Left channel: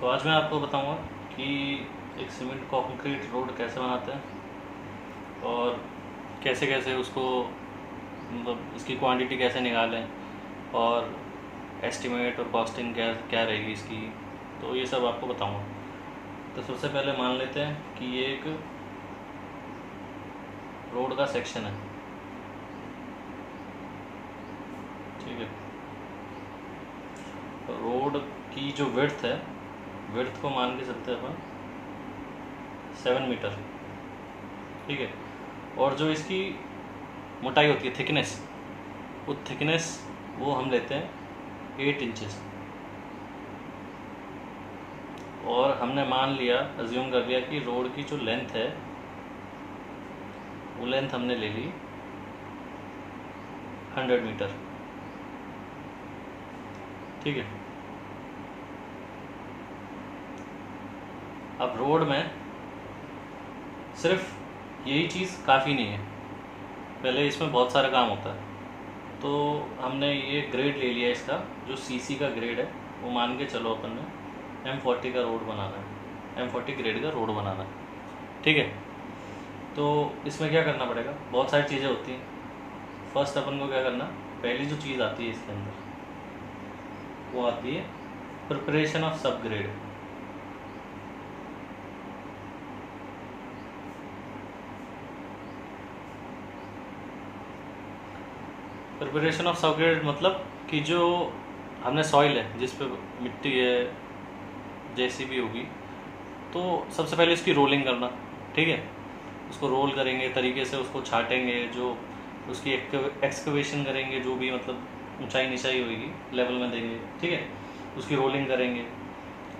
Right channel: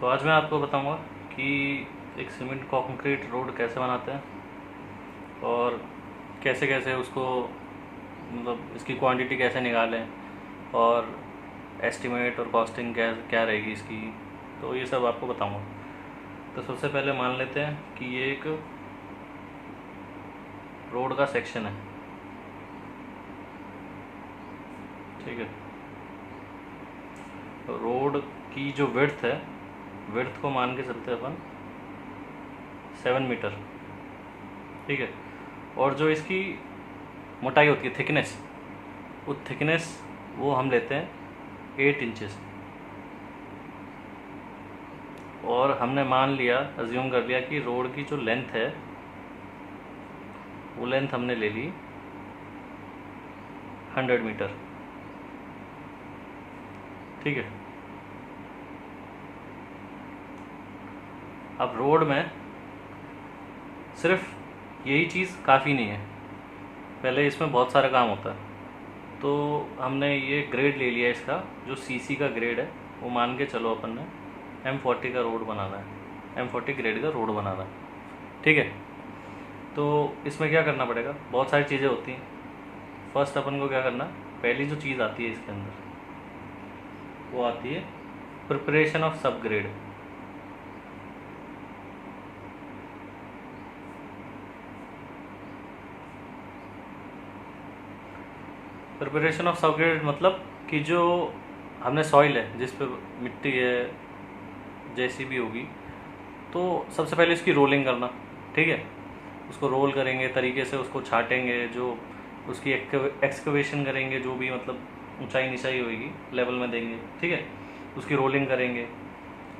तो आज मैं आपको बताऊंगा कि एक सीमेंट कंक्रीट रोड कैसे बनाते हैं और कैसे कैसे उसको मतलब इसकी क्वांटिटी कैसे निकालें और एस्टिमेट और कॉस्टिंग क्या क्या रहेगी इसकी। तो ये सब आपको बताऊंगा। तो सबसे पहले मान लेते हैं कि ये एक रोड का सेक्शन है, ठीक है। तो रोड की जो विड्थ है, विड्थ को मान के चलते हैं अपन 7 मीटर, ठीक है। और जो इसकी मोटाई होती है, थिकनेस, वो थिकनेस वो हम लेते हैं 8 इंचेस। और हमने मान लिया, अज्यूम कर लिया कि रोड की जो लेंथ है वो लेंथ हमने ले ली 100 मीटर, ठीक है। अब रोड में सिर्फ यही चीज़ काफ़ी नहीं है, पहले इसमें बहुत सारा काम होता है। तो हमने ये ग्रेड ले लिया इसका, जो सीसी का ग्रेड है वो मान के चलो अपन ने M40 का रोड बनाना है, M40 ग्रेड का रोड बनाना है, ठीक है। तो इसमें क्या करना पड़ेगा, बहुत सारी चीज़ें होती हैं। फर्स्ट अपन को क्या करना, पहली जो चीज़ आती है इसके अंदर वो आती है प्रिपरेशन ऑफ सब ग्रेड। प्रिपरेशन ऑफ सब ग्रेड मतलब कि जो हमने सॉइल है, जिस पे मिट्टी है, जैसी भी होगी, तो सबसे पहले इसकी रोलिंग करना, ठीक है। उसको रोल करेंगे तरीके से, उसको छाटेंगे, जो उसकी एक्सकवेशन करेंगे, जो भी मतलब ऊंचाई नीचाई होगी लेवल में देंगे, ठीक है। उसकी रोलिंग करेंगे।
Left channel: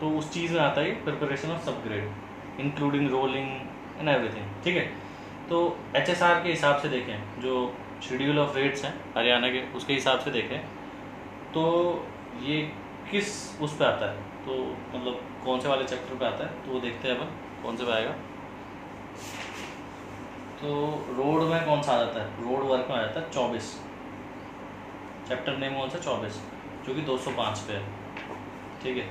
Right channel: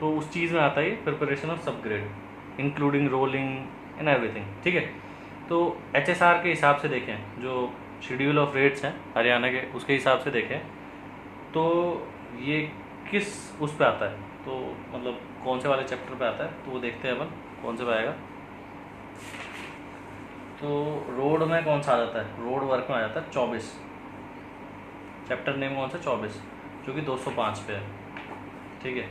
तो उस चीज़ में आता है प्रिपरेशन ऑफ सब grade, including rolling and everything, ठीक है। तो HSR के हिसाब से देखें, जो शेड्यूल ऑफ रेट्स हैं हरियाणा के, उसके हिसाब से देखें तो ये किस उस पे आता है, तो मतलब कौन से वाले चैप्टर पे आता है, तो वो देखते हैं अपन कौन से पे आएगा। तो रोड में कौन सा आ जाता है, रोड वर्क में आ जाता है 24, चैप्टर नेम कौन सा 24, जो कि 205 पे है, ठीक है।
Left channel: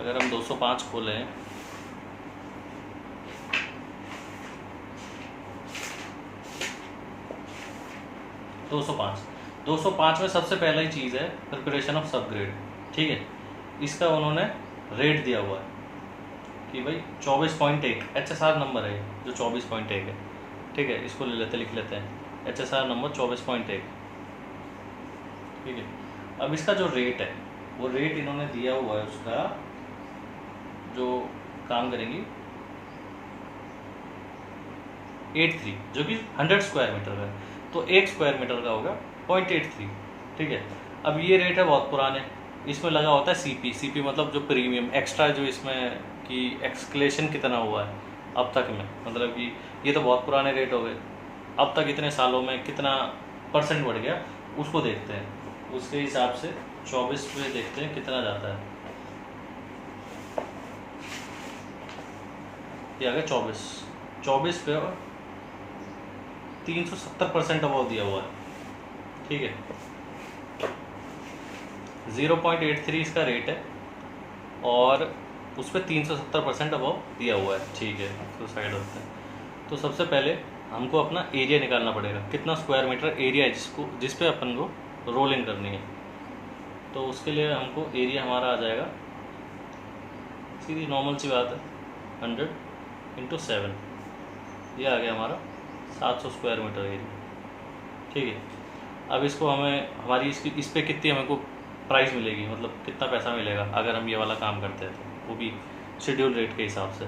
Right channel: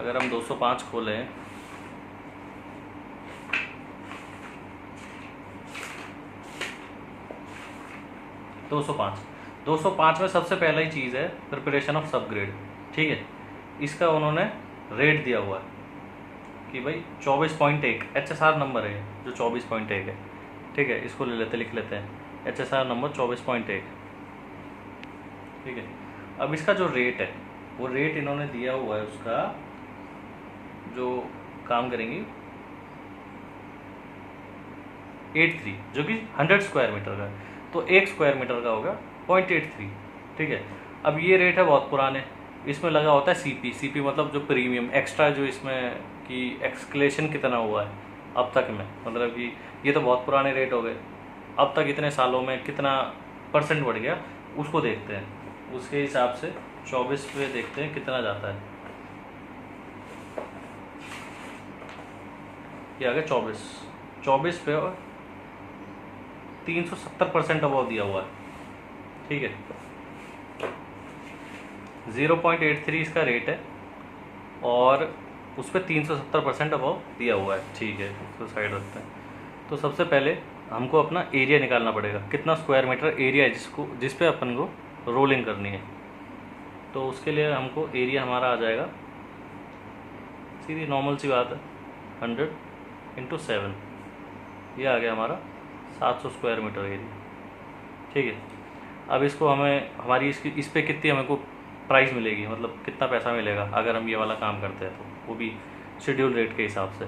अगर हम 205 खोलें, दो सौ पाँच में सबसे पहला ही चीज़ है प्रिपरेशन ऑफ सब ग्रेड, ठीक है। इसका उन्होंने रेट दिया हुआ है कि भाई 24.1 HSR नंबर है, जो 24.1 है, ठीक है। इसको ले लेते, लिख लेते हैं HSR नंबर 24.1, ठीक है। अब इसका जो रेट है, वो रेट इन्होंने दिया हुआ है उसका, जो काम करेंगी 83, जो कि 100 स्क्वायर मीटर का है। तो 1 स्क्वायर मीटर का होगा 0.83, ठीक है। अब ये रेट है बहुत पुराने, इसमें लगा होता है सीपी मतलब जो प्रीमियम एक्स्ट्रा, जो इसमें कि एक्सक्लेशन कितना हुआ है अब तक में, मतलब कि ये तो बहुत पुराने रेट हो गए, अब तक इतने सालों में कितना % बढ़ गया, उसको देखते हैं। उसके हिसाब से 24 पे देखते हैं कितना जाता है। ये आ गया 24 पे, और 370% अबव दिया हुआ है, ठीक है। 0.83 इसका रेट है और उस पर 370% अबव दिया हुआ है, ठीक है। तो साइड रखते हैं। तो सबसे पहले हमको अपना एरिया निकालना पड़ेगा, कितना स्क्वायर मीटर एरिया है जिस पे अपन को रोलिंग करनी है। तो उसके लिए हमको एरिया हमारा आ जाएगा, सीधी नॉर्मल सी बात है, 100 × 7, ये आ गया हमारा 700 स्क्वायर मीटर एरिया, ठीक है। अब इसको हमें हमारी इस पे कितनी हमको प्राइस मिलेगी, मतलब कितना पैसा मिलेगा अगर हम ये वाला काम करते हैं, तो वो भी शेड्यूल रेट के हिसाब से।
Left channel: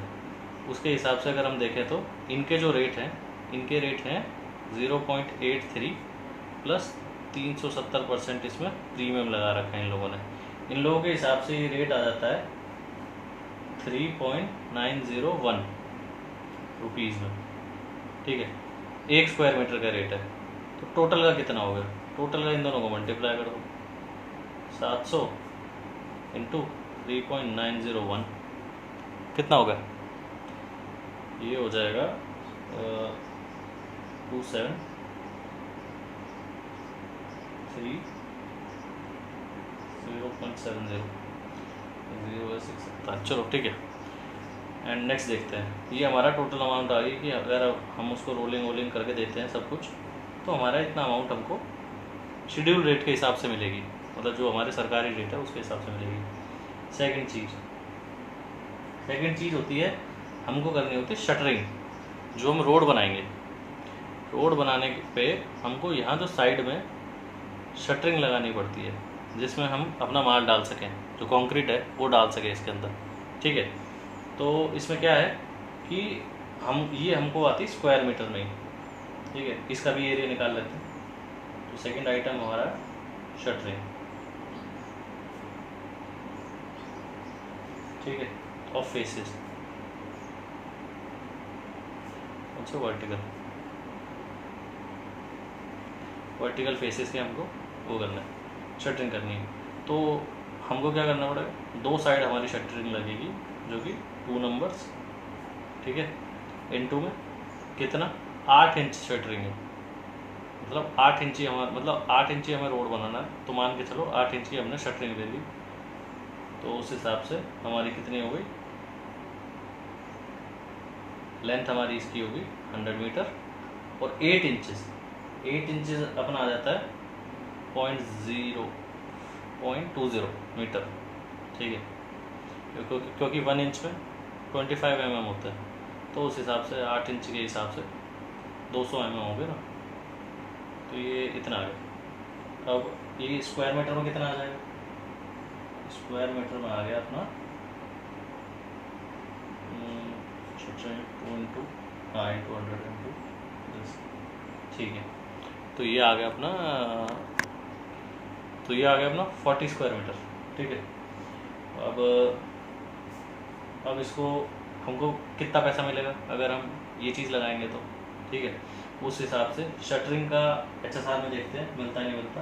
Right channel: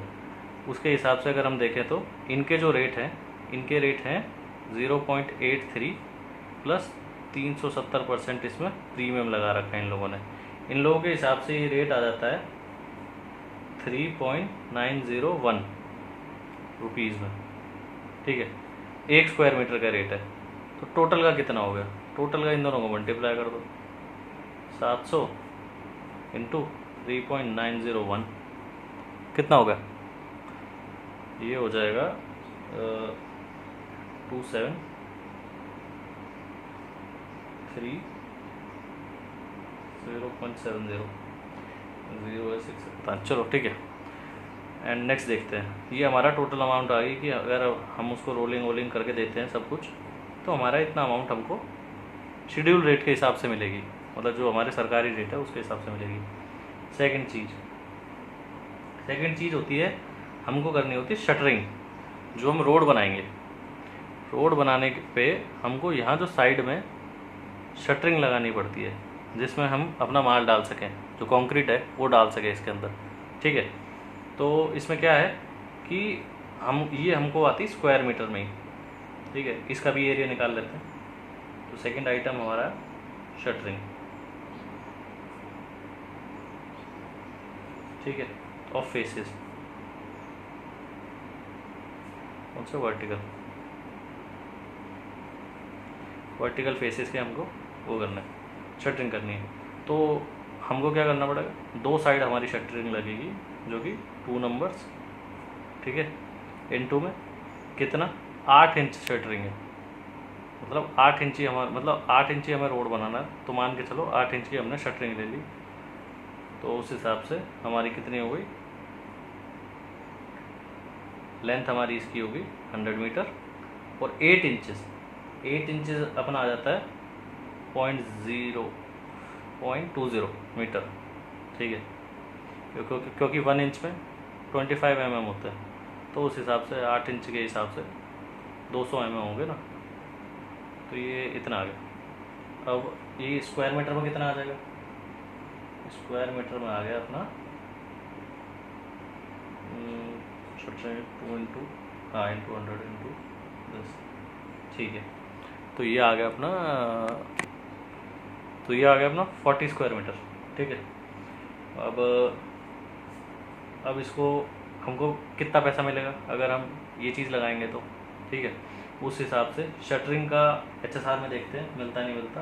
उसके हिसाब से अगर हम देखें तो इनके जो रेट हैं, इनके रेट हैं 0.83 प्लस 370% इसमें प्रीमियम लगा रखा है इन लोगों ने। इन लोगों के हिसाब से ये रेट आ जाता है 3.901 रुपीज़ में, ठीक है। 1 स्क्वायर मीटर का रेट है। तो टोटल का कितना हो गया, टोटल का इन दोनों को मल्टीप्लाई कर दो, 700 × 3.901 कितना होगा, ये हो जाएगा 273 0.70 0 6 5। चलो ठीक है, एंड नेक्स्ट देखते हैं। ये हमारा टोटल अमाउंट आ गई कि अगर हम उसको रोलिंग वोलिंग करके देते हैं सब कुछ, तो हमारा इतना अमाउंट हमको शेड्यूल रेट के हिसाब से मिलेगी, मतलब जो हमारे सरकारी रेट है उसके हिसाब से मिलेगी। सेकंड चीज़ होती है, हमको करनी होती है शटरिंग। जो हम रोड बनाएंगे, रोड बनाने पे हमको यहाँ जो साइड में शटरिंग लगानी पड़ती है, जिसमें हम अपना माल डाल सकें, जो कंक्रीट है वो डाल सकें इसके अंदर, ठीक है। तो इसमें क्या है कि ये हमको आती है स्क्वायर मीटर में ही, ठीक है। इसका भी एरिया निकाल लेते हैं। तो सेकंड आइटम हमारा शटरिंग, ठीक है, ऑफ फेसेस, अच्छा वर्टिकल फेसेस के हमको वो करना है, शटरिंग करनी है। तो हमको क्या करना पड़ेगा, 2 साइड हमारी शटरिंग लगेगी जो कि 2 नंबर्स, ठीक है। इनटू में कितना 8 इंच शटरिंग है, मतलब 8 इंची मतलब 8 इंची हमें रोड बनाना है, तो मान के चलो 8 इंची हमने शटरिंग ले ली। तो उस हिसाब से हमारी कितनी हो गई, लेंथ हमारी इसकी होगी 100 मीटर, और 8 इंचेस अपना आ जाता है 0.20 मीटर, ठीक है। क्योंकि 1 इंच में 25 mm होता है, तो उस हिसाब से 8 इंच के हिसाब से 200 mm होंगे ना, तो ये इतना आ गया। अब ये स्क्वायर मीटर में कितना आ जाएगा, स्क्वायर मीटर में आ गया अपना 2 × 100 ठीक है। तो ये आ गया अपना 40 स्क्वायर मीटर, ठीक है। अब इसको हमको कितना पैसा मिलेगा अगर हम ये चीज़ लगाएंगे तो, ठीक है। उस हिसाब से शटरिंग का HSR में देखते हैं मिलता नहीं मिलता।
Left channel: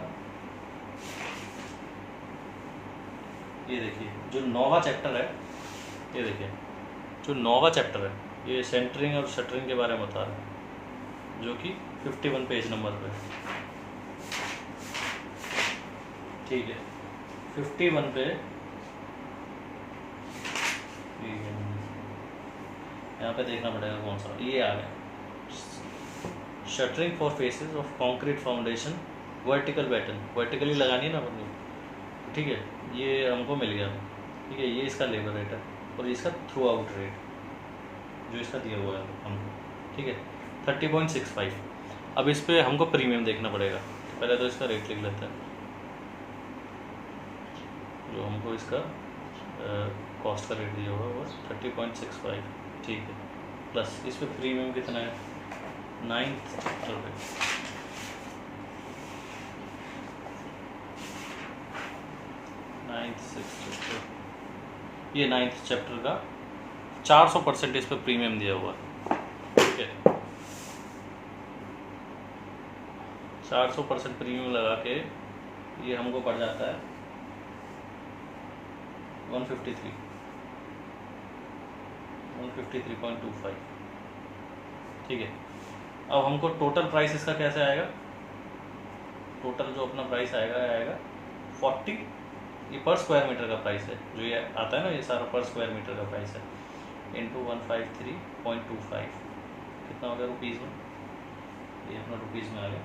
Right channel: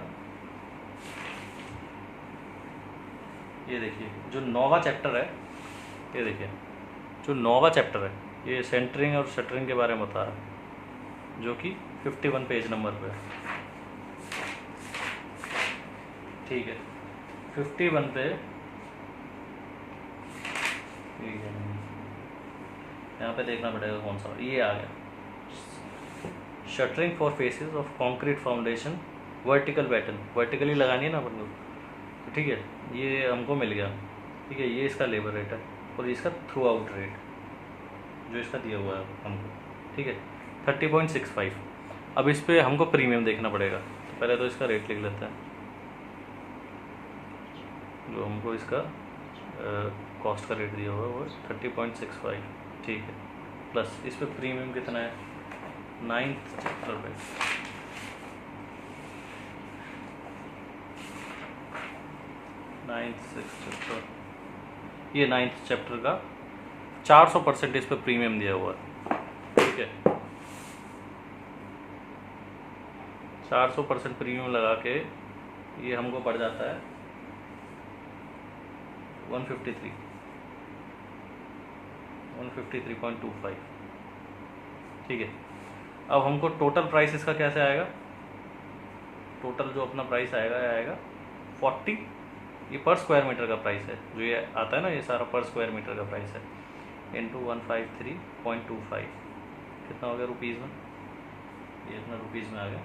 ये देखिए जो 9वां चैप्टर है, ये देखिए जो 9वां चैप्टर है, ये सेंटरिंग और शटरिंग के बारे में बता रहा है, जो कि 51 पेज नंबर पे, ठीक है। 51 पे यहाँ पे देखना पड़ेगा कौन सा, ये आ गया, shuttering for faces of concrete foundation vertical pattern, vertically लगानी है ना अपन लोग, ठीक है। ये हमको मिल गया, ठीक है। ये इसका लेबर रेट है और इसका थ्रू आउट रेट जो इसका दिया हुआ है हमको, ठीक है, 30.65। अब इस पर हमको प्रीमियम देखना पड़ेगा, तो पहले तो इसका रेट लिख लेते हैं, जो हमको इसका कॉस्ट का रेट दिया हुआ है वो 30.65, ठीक है। प्लस इस पर प्रीमियम कितना है, 9th चैप्टर पे, ये 9th चैप्टर का 400% इस पर प्रीमियम दिया हुआ है, ठीक है। 400% प्रीमियम लगा के ये हमको पड़ जाता है 153.25, ठीक है। अब हमको टोटल प्राइस इसका कैसे आएगा, टोटल जो अपना प्राइस आएगा 40, ये पर स्क्वायर मीटर का प्राइस है, जो ये आता है ना, ये सारा पर स्क्वायर मीटर का प्राइस है, इंटू 153.25, कितना हो गया रुपीज़ में, ये अपना रुपीज़ में आ गया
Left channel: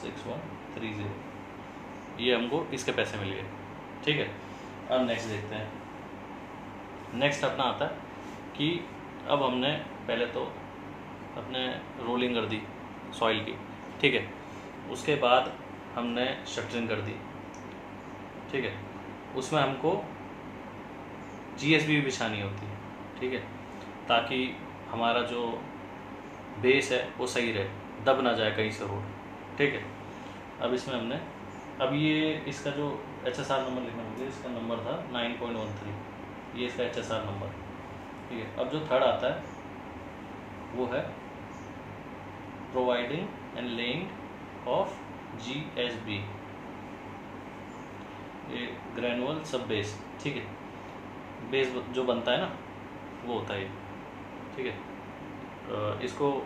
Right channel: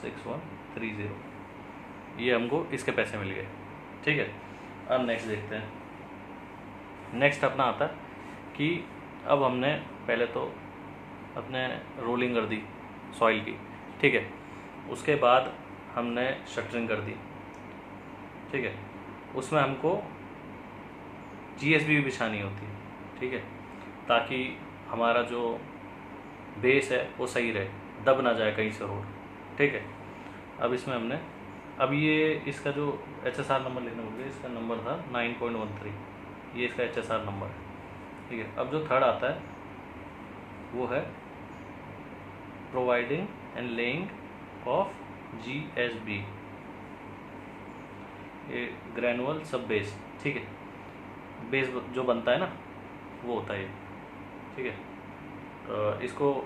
6130, ये हमको इसके पैसे मिल गए, ठीक है। अब नेक्स्ट देखते हैं। नेक्स्ट अपना आता है कि अब हमने पहले तो अपने रोलिंग कर दी सॉइल की, ठीक है। उसके बाद हमने शटरिंग कर दी, ठीक है। उसमें हमको GSB भी बिछानी होती है, ठीक है, ताकि हमारा जो बेस है वो सही रहे, दब ना जाए कहीं से रोड, ठीक है। अब इसमें हमने ये इसका जो HSR नंबर लिखना होगा, इसका नंबर था 9.13, ये इसका HSR नंबर, ठीक है। अब जो थर्ड आता है वो है providing and laying of GSB, ये ग्रेनुअल सब बेस, ठीक है। बेस जो बनता है ना वो होता है ये, ठीक है। इसको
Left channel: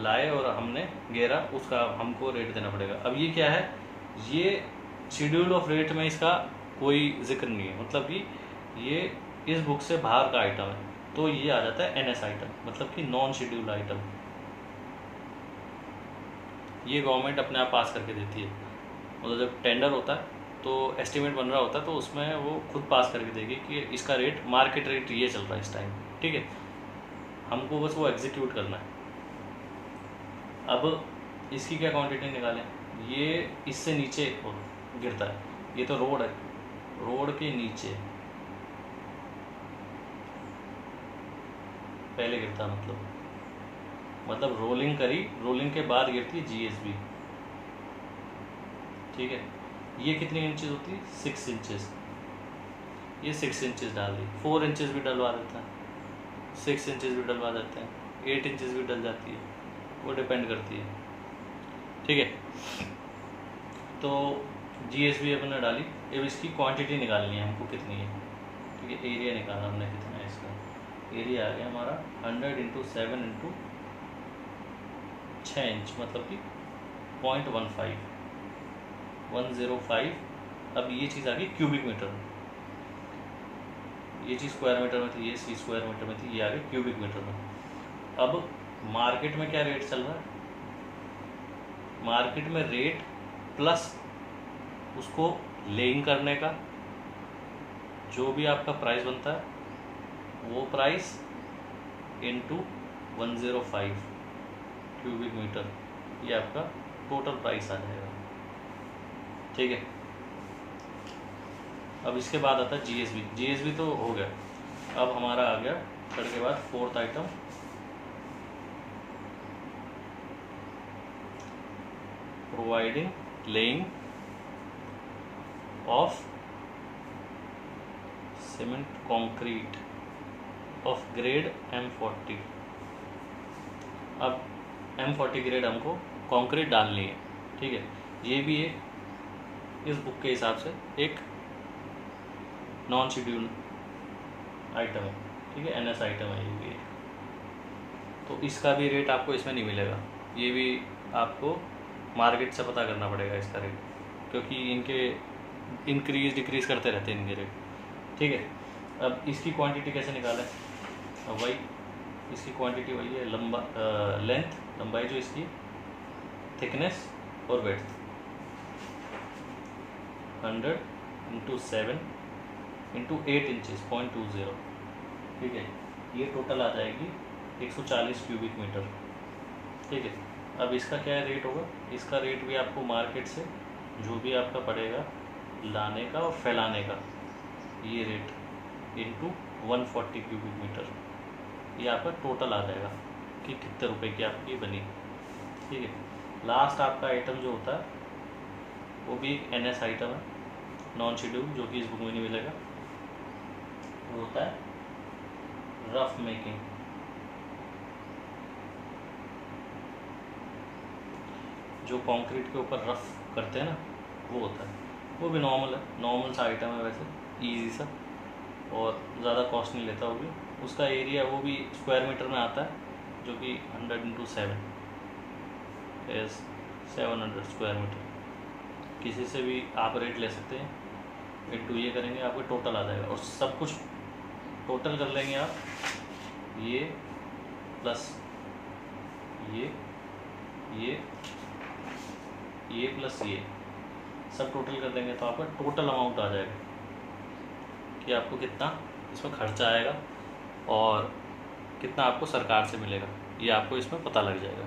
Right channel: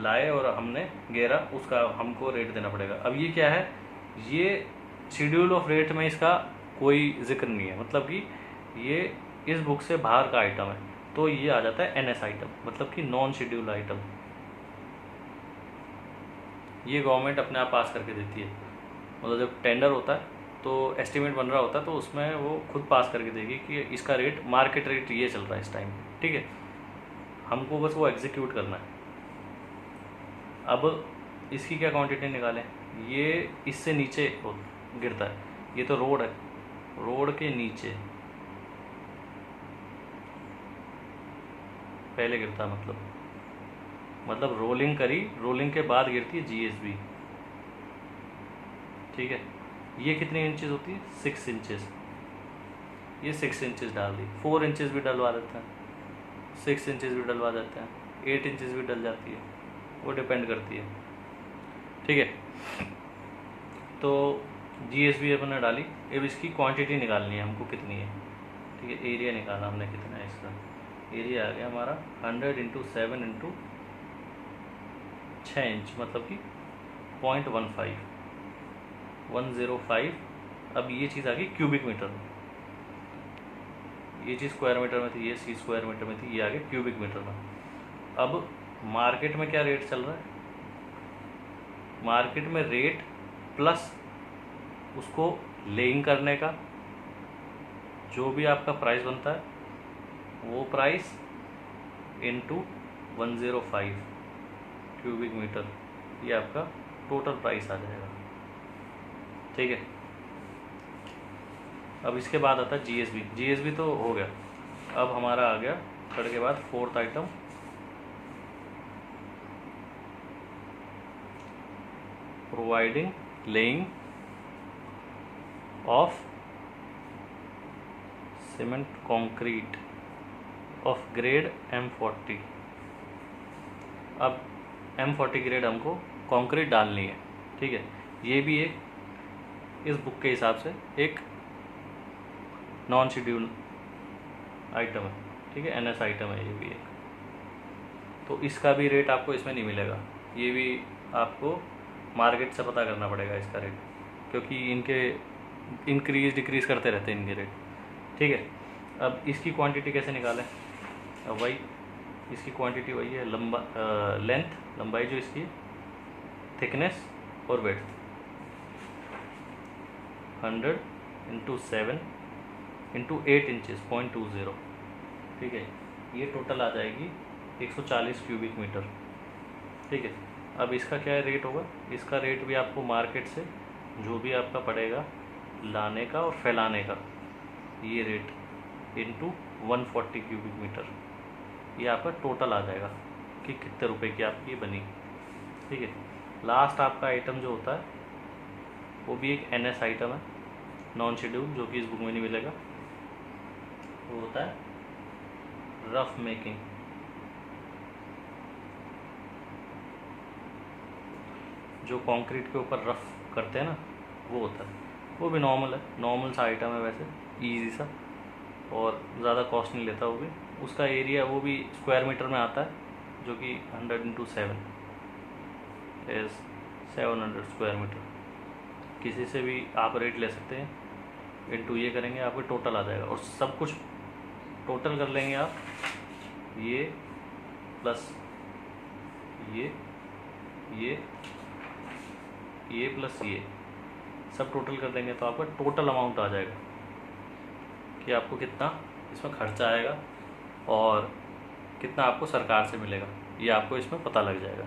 लाए और हमने गेरा, उसका हमको रेट देना पड़ेगा। अब ये क्या है, ये शेड्यूल ऑफ रेट में इसका कोई जिक्र नहीं है, मतलब कि ये इस बुक से बाहर का आइटम है तो ये आ जाता है NS आइटम, मतलब कि नॉन शेड्यूल्ड आइटम। ये गवर्नमेंट अपने आप पास करके देती है, मतलब जब टेंडर होता है तो एस्टिमेट बन रहा होता है तो उसमें वो खुद पास करके देगी कि इसका रेट, मार्केट रेट ये चल रहा है इस टाइम, ठीक है। हमको बस वो एग्जीक्यूट करना है। अब इसकी क्या क्वांटिटी निकालें, ये इससे नीचे गिरता है, ये तो रोड है, रोड के नीचे पहले गिरता है, मतलब रोलिंग करी, रोलिंग के बाद गिरती है GSB, ठीक है। ये कितनी इंचेस होती है, 6 इंचेस, ये 6 इंचेस डाल दी, 4 इंचेस भी डलवा देते हैं, 6 इंचेस भी डलवा देते हैं, 8 इंचेस भी डल जाती है, वो डिपेंड करती है, ठीक है। तो GSB अपन ने डाली, अब इसकी क्वांटिटी निकालनी है हमको कितनी है, ठीक है। एरिया निकाला हमने कितना है इसका, एरिया आ गया हमारा 100 इंटू 7 इंटू 6 इंच, मतलब कि 105। अब ये चीज़ आ गई क्यूबिक मीटर में, ये चीज़ स्क्वायर मीटर में थी, ये चीज़ स्क्वायर मीटर में थी, ये आ गई क्यूबिक मीटर में। अब मार्केट में क्या रेट चल रहा है, मार्केट में रेट प्लस उसको लेइंग करने का जो भी आपका प्राइस बनता है वो प्राइस इंटू 105 क्यूबिक मीटर, ये आपका टोटल प्राइस आ जाएगा, ठीक है। अब इसके बाद आता है GSB तो हो गया। अब हमारा आ गया थर्ड के बाद fourth item, providing laying of cement concrete of grade M40। अब M40 ग्रेड हमको कंक्रीट डालनी है, ठीक है। ये भी एक इस बुक के हिसाब से एक नॉन शेड्यूल आइटम है, ठीक है, NS आइटम है ये भी है। तो इसका भी रेट आपको इसमें नहीं मिलेगा, ये भी आपको मार्केट से पता करना पड़ेगा इसका रेट, क्योंकि इनके इंक्रीज डिक्रीज करते रहते हैं इनके रेट, ठीक है। अब इसकी क्वांटिटी कैसे निकालें, अब वही इसकी क्वांटिटी वही है, लेंथ लंबाई जो इसकी, थिकनेस और वेड्थ, 100 इंटू 7 इंटू 8 इंचेस 0.20, ठीक है। ये टोटल आ जाएगी 140 क्यूबिक मीटर, ठीक है। अब इसका क्या रेट होगा, इसका रेट भी आपको मार्केट से जो भी आपका पड़ेगा लाने का और फैलाने का, ये रेट इंटू 140 क्यूबिक मीटर, ये आपका टोटल आ जाएगा कि कितने रुपए की आपकी बनी, ठीक है। लास्ट आपका आइटम जो होता है वो भी एक NS आइटम है, नॉन शेड्यूल, जो कि इस बुक में नहीं मिलेगा, वो होता है रफ मेकिंग। जो कंक्रीट के ऊपर रफ करते हैं ना, वो होता है, वो भी नॉर्मल है, नॉर्मल सा आइटम है वैसे, इजी सा, और ज़्यादा कॉस्ट नहीं लेता वो भी। उसका एरिया वो भी स्क्वायर मीटर में आता है, जो कि 100 इंटू 7 इज 700 स्क्वायर मीटर। किसी से भी आप रेट ले सकते हैं, इंटू ये करेंगे आपको टोटल आ जाएगा, और सब कुछ टोटल कर लेंगे आप, ये प्लस ये प्लस ये सब टोटल कर देंगे तो आपका टोटल अमाउंट आ जाएगा कि आपको कितना इसमें खर्चा आएगा और कितना आपको सरकार से मिलेगा, ये आपको इसमें पता लग जाएगा।